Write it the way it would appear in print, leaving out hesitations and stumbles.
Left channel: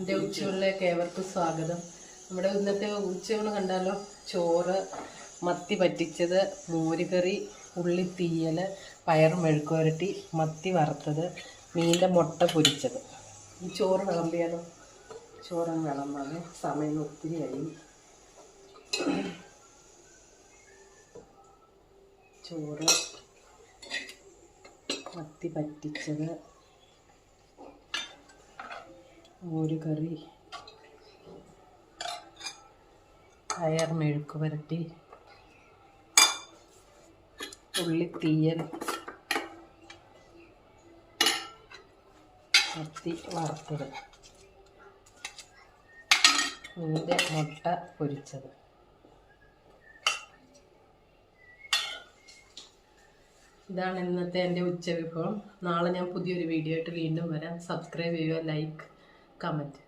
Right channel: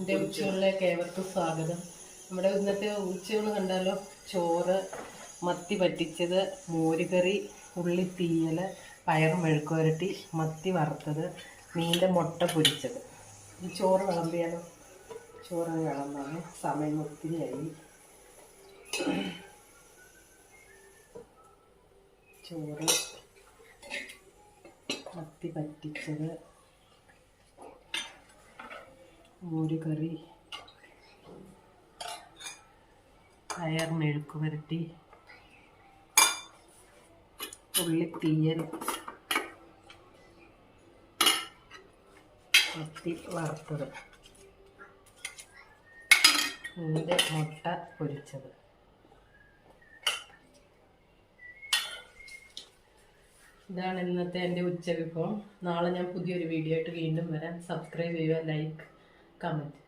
എൻ്റെ ഉച്ചകളിലേക്ക് ഏവർക്കും സ്വാഗതം. നമ്മുടെ ഇന്നത്തെ ഉച്ചയൂണ് കണ്ടാലോ. ചോറ്, മത്തി പറ്റിച്ചത്, മോരുകറി, ഉള്ളിത്തീയൽ, പയർ മെഴുക്കുവരട്ടി, മത്തി വറുത്തത്, മീൻ്റെ മുട്ട പൊരിച്ചത്. ഈ ചോറ് വിളമ്പിയാലോ. ചോറങ്ങ് വിളമ്പാണ്. സമയം ഒത്തിരിയായി. ചോറ്, മത്തി പറ്റിച്ചത്, മോരുകറി, പയർ മെഴുക്ക് പുരട്ടി, ഉള്ളിത്തീയൽ, മത്തി വറുത്തത്, മീൻ്റെ മുട്ട പൊരിച്ചത്. ഇതാണ് ഇന്നത്തെ എൻ്റെ ഉച്ചവിഭവം. നാളെ ഞാൻ പുതിയൊരു വീഡിയോ ആയിട്ട് വീണ്ടും വരാം. സബ്സ്ക്രൈബ് ചെയ്യുക, ലൈക്ക്, കമൻറ്റ്.